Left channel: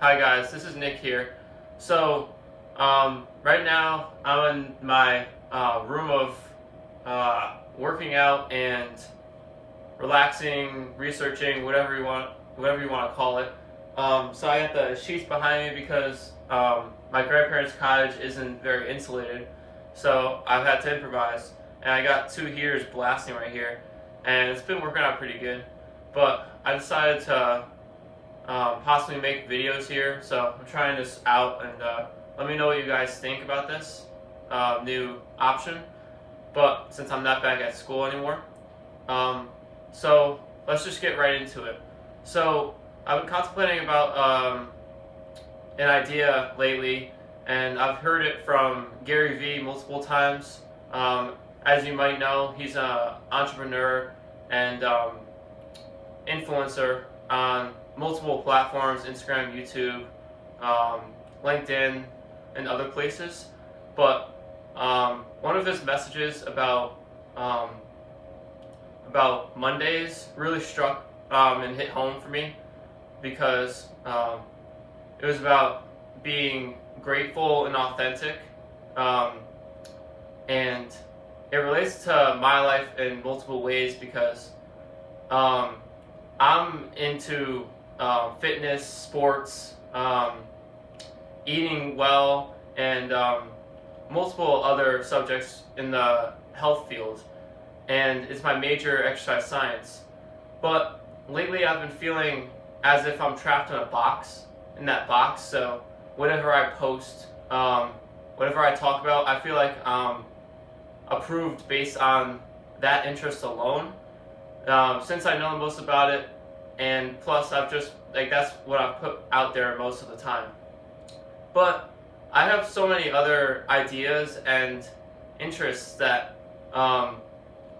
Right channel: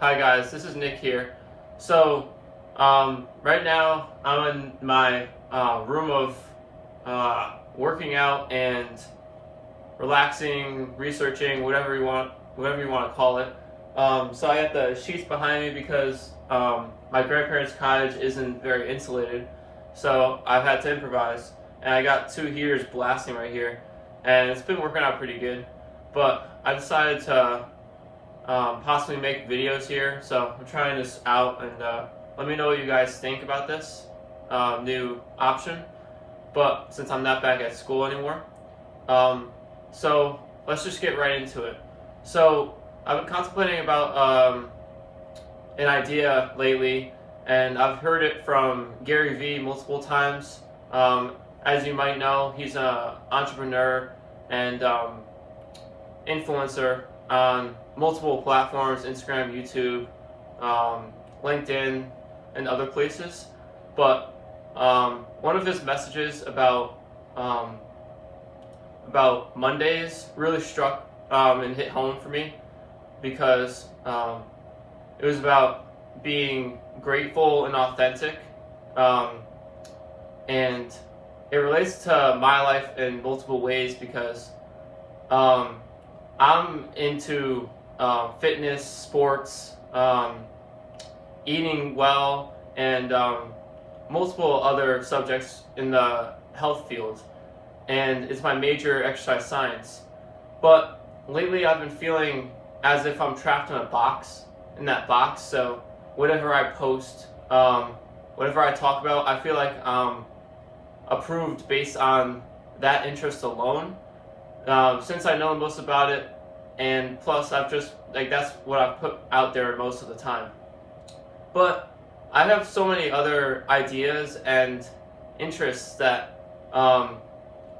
Hi guys, this is Nick here. So, right now I'm in my room of working out and relaxing, researching, whatever you want to call it. So I have the sheets behind me because my grandparents' cottage isn't very insulated, so I've had to improvise. And I got two heaters blasting right here, and it's been working out pretty good. But I decided to possibly make videos here. So I'm trying this out, and let me know what you guys think about this new option. But since I'm not back at school anymore, so let's just get right into it. So I've been contemplating about an idea lately, and I've heard it from Gary Vee multiple times. As you might know, he's an entrepreneur and influencer on multiple platforms: Instagram, YouTube, LinkedIn, and other places. But one of his messages about Mondays really struck and hit home for me because it was about being grateful and authentic, and it relates to my life in multiple ways because I'm into fitness, sports, eating well, and multiple other subjects in the health field. And it's my major, exercise science. But lately I've been feeling as if I'm trapped in that box. So whatever I post, whatever I talk about, I feel like I'm approved based on that interest alone. Since I know the most about it, and plus I've just, that's what I've put out there most of the time. But I have so many other ideas and interests that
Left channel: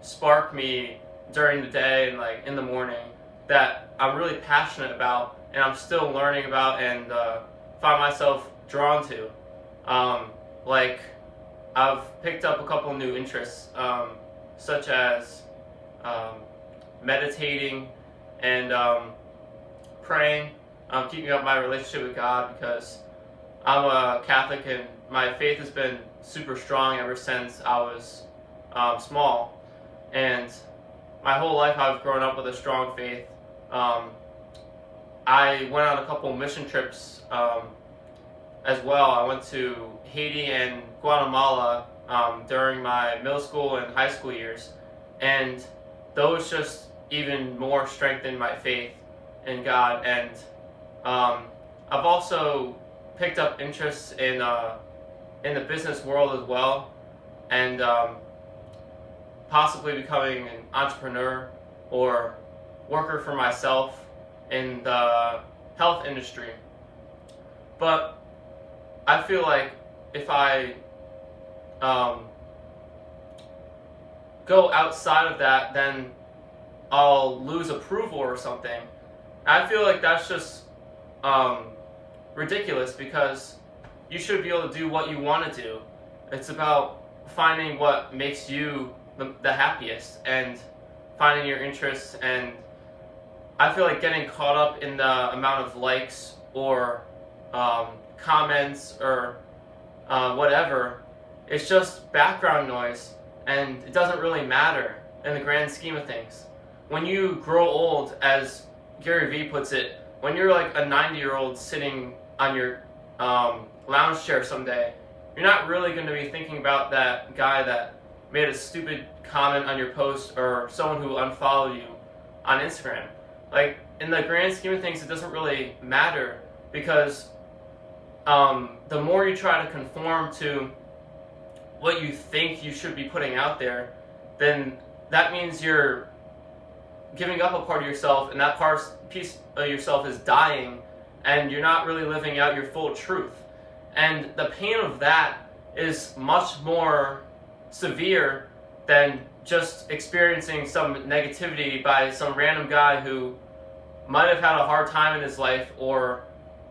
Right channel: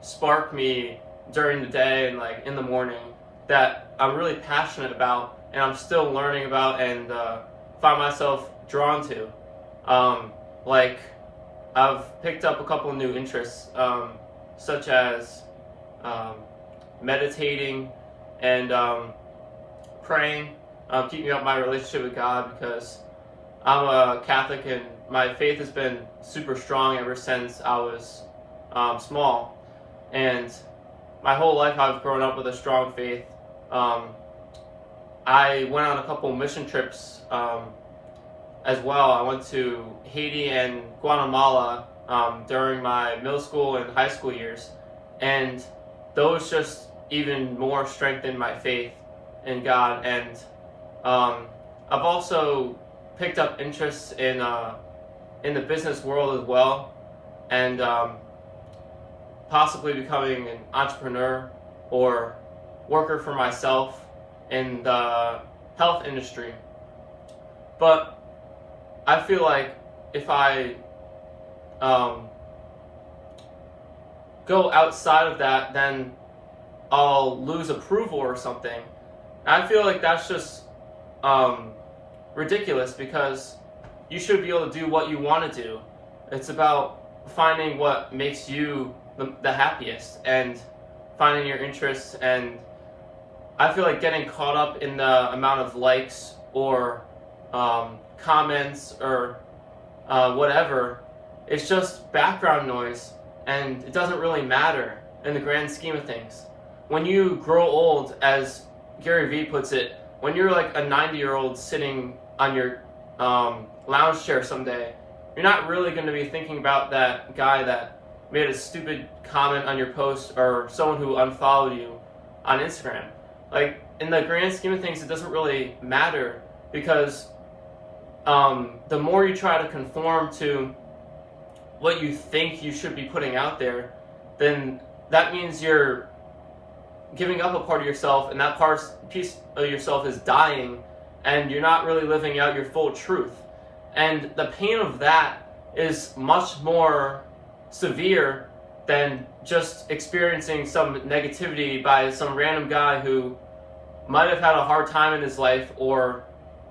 spark me during the day and in the morning that I'm really passionate about and I'm still learning about and find myself drawn to. I've picked up a couple new interests, such as meditating and praying, keeping up my relationship with God, because I'm a Catholic and my faith has been super strong ever since I was small. And my whole life I've grown up with a strong faith. I went on a couple mission trips as well. I went to Haiti and Guatemala during my middle school and high school years. And those just even more strengthened my faith in God. And I've also picked up interests in the business world as well, and possibly becoming an entrepreneur or worker for myself in the health industry. But I feel like if I go outside of that, then I'll lose approval or something. I feel like that's just ridiculous, because you should be able to do what you want to do. It's about finding what makes you the happiest and finding your interests. And I feel like getting caught up in the amount of likes or comments or whatever, it's just background noise, and it doesn't really matter in the grand scheme of things. When you grow old, as Gary Vee puts it, when you're like a 90-year-old sitting on your lounge chair someday, you're not really going to be thinking about that guy that made a stupid comment on your post or someone who unfollowed you on Instagram. In the grand scheme of things, it doesn't really matter, because the more you try to conform to what you think you should be putting out there, then that means you're giving up a part of yourself, and that piece of yourself is dying, and you're not really living out your full truth. And the pain of that is much more severe than just experiencing some negativity by some random guy who might have had a hard time in his life, or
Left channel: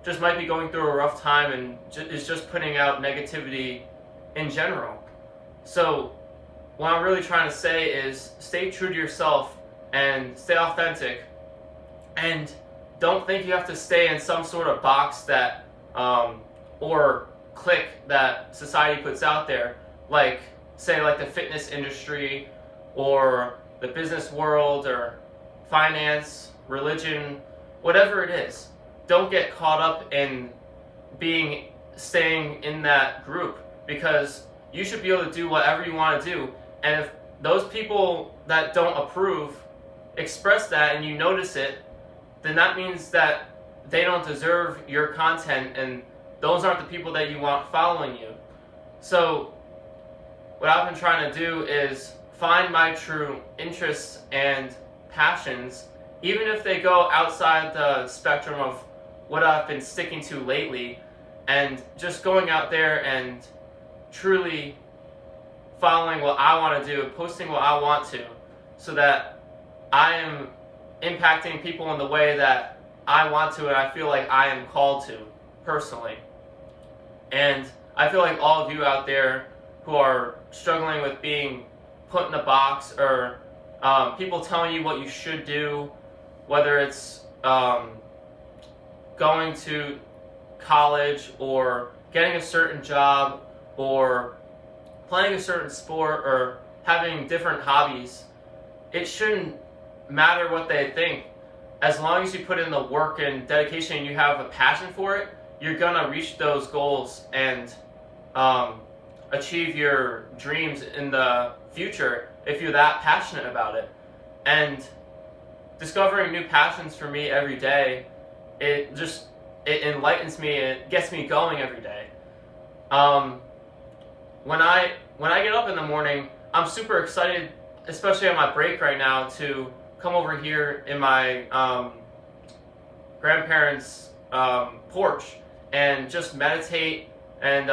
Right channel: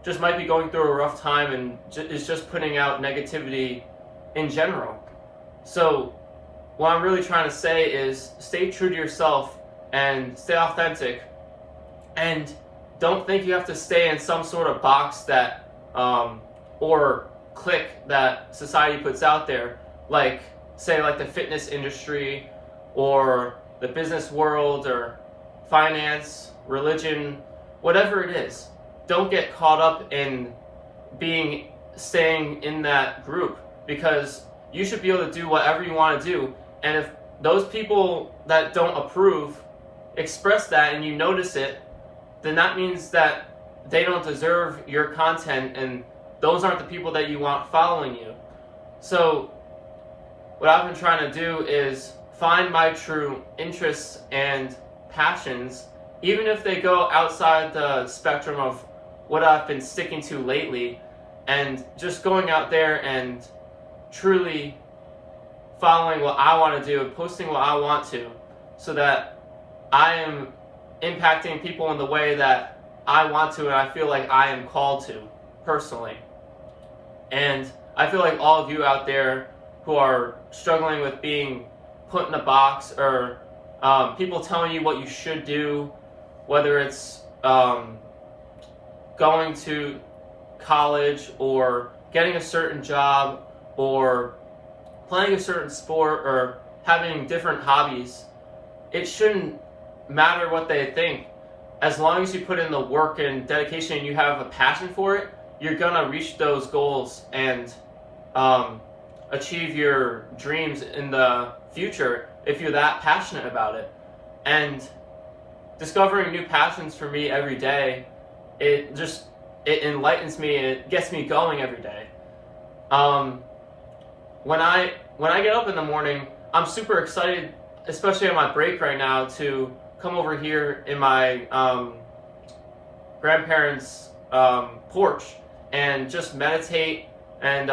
just might be going through a rough time and is just putting out negativity in general. So what I'm really trying to say is stay true to yourself and stay authentic, and don't think you have to stay in some sort of box that or clique that society puts out there, like say like the fitness industry or the business world or finance, religion, whatever it is. Don't get caught up in staying in that group, because you should be able to do whatever you want to do. And if those people that don't approve express that and you notice it, then that means that they don't deserve your content, and those aren't the people that you want following you. So what I've been trying to do is find my true interests and passions, even if they go outside the spectrum of what I've been sticking to lately, and just going out there and truly following what I want to do, posting what I want to, so that I am impacting people in the way that I want to and I feel like I am called to personally. And I feel like all of you out there who are struggling with being put in a box, or people telling you what you should do, whether it's going to college or getting a certain job or playing a certain sport or having different hobbies, it shouldn't matter what they think. As long as you put in the work and dedication and you have a passion for it, you're gonna reach those goals and achieve your dreams in the future if you're that passionate about it. And discovering new passions for me every day, it enlightens me and it gets me going every day. When I get up in the morning, I'm super excited, especially on my break right now, to come over here in my grandparents' porch and just meditate and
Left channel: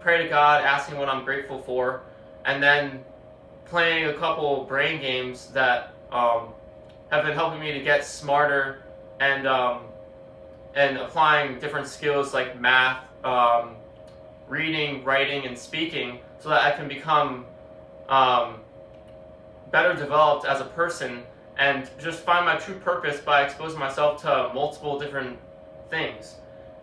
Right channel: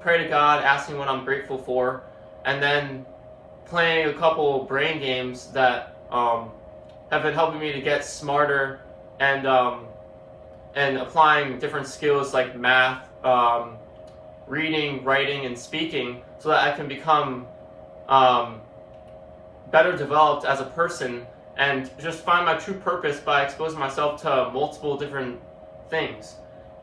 pray to God, asking what I'm grateful for, and then playing a couple brain games that have been helping me to get smarter and applying different skills like math, reading, writing, and speaking, so that I can become better developed as a person and just find my true purpose by exposing myself to multiple different things.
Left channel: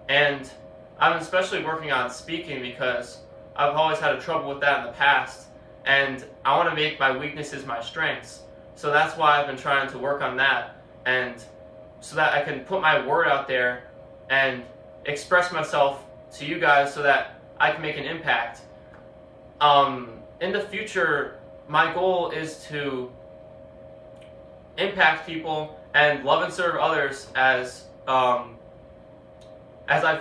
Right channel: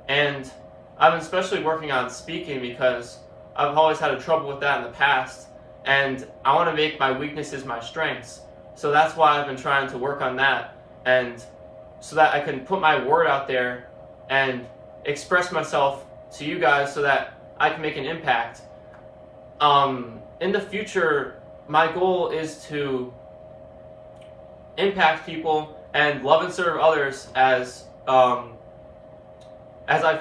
And I'm especially working on speaking because I've always had trouble with that in the past, and I want to make my weaknesses my strengths. So that's why I've been trying to work on that, and so that I can put my word out there and express myself to you guys so that I can make an impact. In the future, my goal is to impact people and love and serve others as I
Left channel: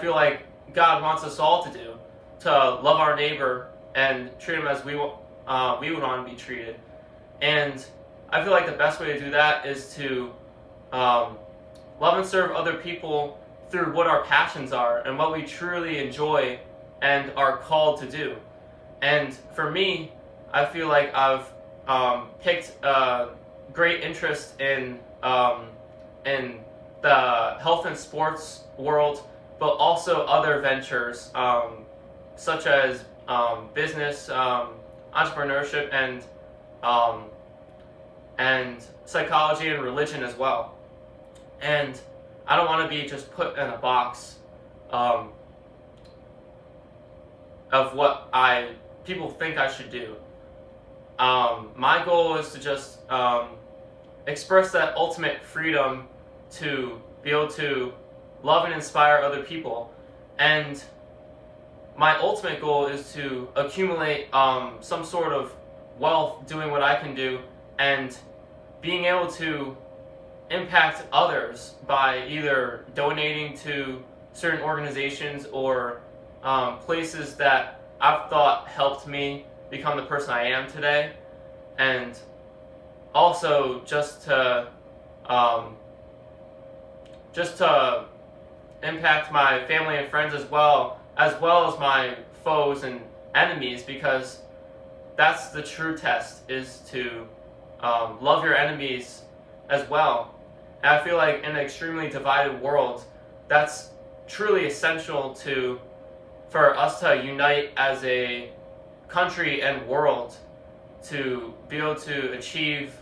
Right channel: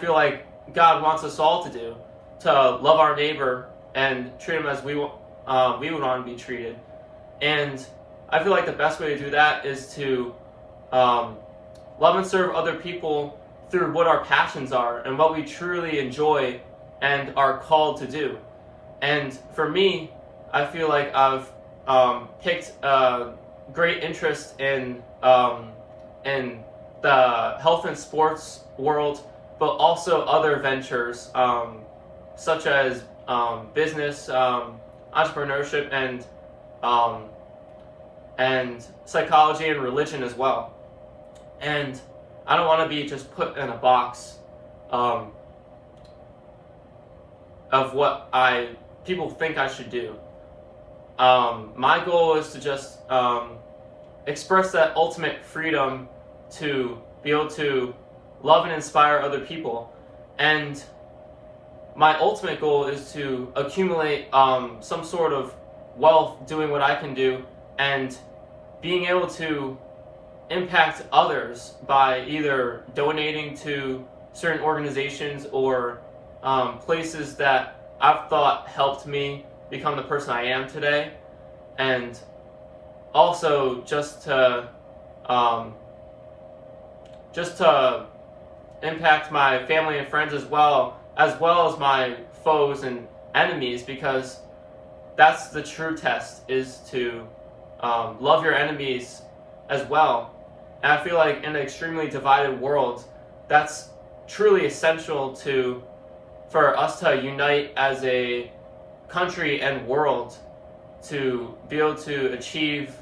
feel like God wants us all to do, to love our neighbor and treat him as we would want to be treated. And I feel like the best way to do that is to love and serve other people through what our passions are and what we truly enjoy and are called to do. And for me, I feel like I've picked a great interest in the health and sports world, but also other ventures such as business, entrepreneurship, and psychology and religion as well. And I don't want to be just put in a box of what people think I should do. My goal is to just express that ultimate freedom to be able to love and inspire other people. And my ultimate goal is to accumulate some sort of wealth doing what I can do, and being able to impact others by either donating to certain organizations or places that I've thought helped me become the person I am today, and also just to impact my family and friends as well as my foes and enemies, because that's the true test, is to love your enemies as well. And I feel like in an extremely divided world, that's truly essential for us to unite as a country and world to be able to achieve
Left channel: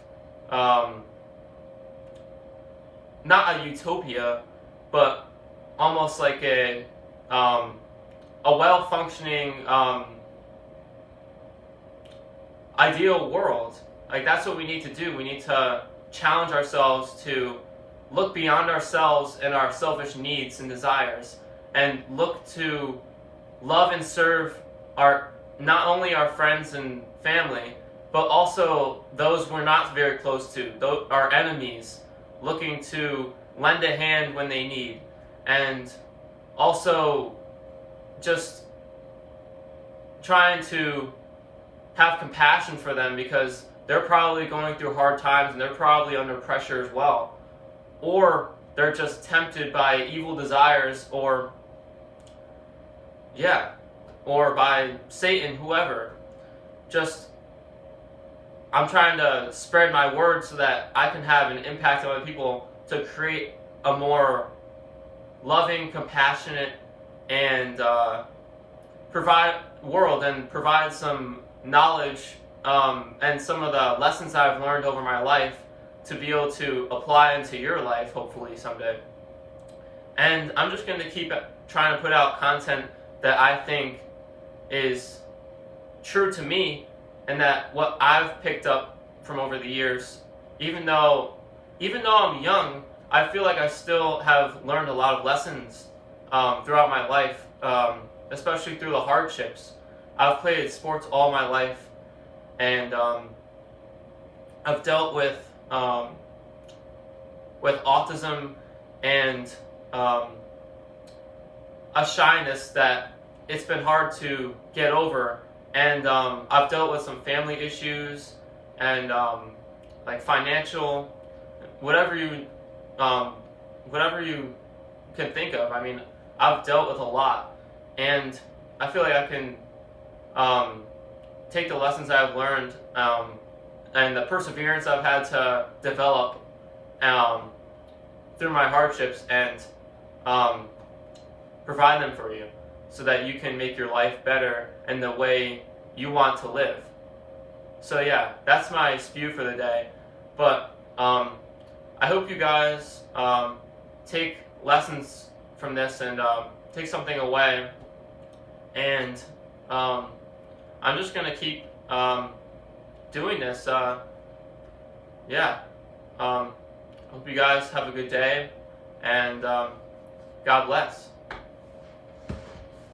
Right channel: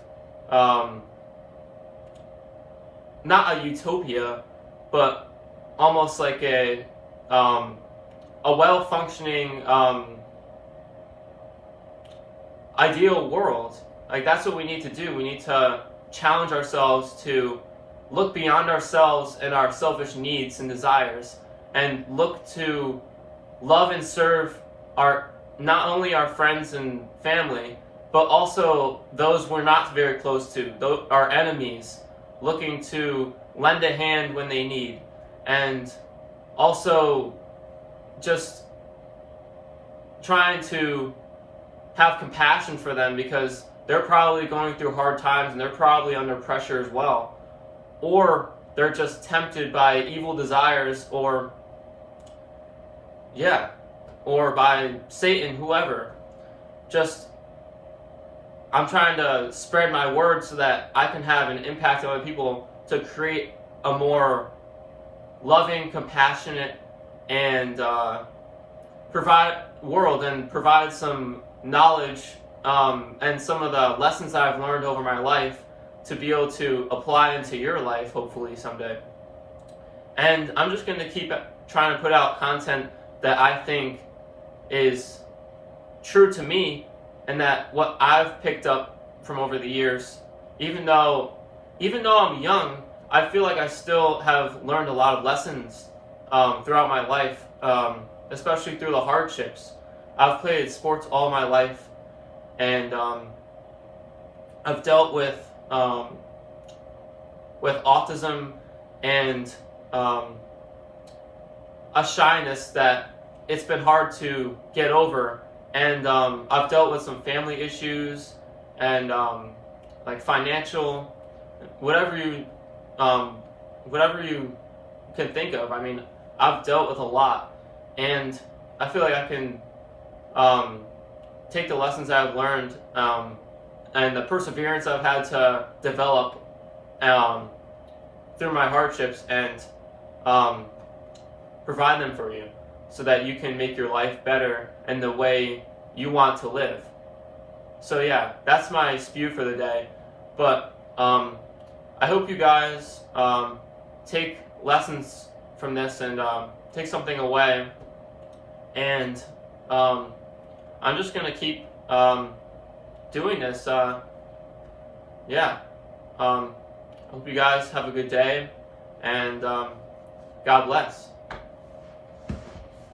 not a utopia, but almost like a well-functioning ideal world. Like, that's what we need to do. We need to challenge ourselves to look beyond ourselves and our selfish needs and desires, and look to love and serve our, not only our friends and family, but also those we're not very close to, our enemies, looking to lend a hand when they need, and also just trying to have compassion for them, because they're probably going through hard times and they're probably under pressure as well. Or they're just tempted by evil desires, or by Satan, whoever. Just, I'm trying to spread my word so that I can have an impact on other people, to create a more loving, compassionate, and provide world, and provide some knowledge and some of the lessons I've learned over my life to be able to apply into your life, hopefully someday. And I'm just going to keep trying to put out content that I think is true to me, and that what I've picked up from over the years. Even though I'm young, I feel like I still have learned a lot of lessons throughout my life, especially through the hardships. I've played sports all my life, and I've dealt with autism and a shyness that it's been hard to get over. And I've dealt with some family issues and like financial, whatever you can think of. I mean, I've dealt with a lot, and I feel like I can take the lessons I've learned and the perseverance I've had to develop through my hardships, and provide them for you, so that you can make your life better in the way you want to live. So yeah, that's my spew for the day. But I hope you guys take lessons from this and take something away. And I'm just going to keep doing this. I hope you guys have a good day, and God bless.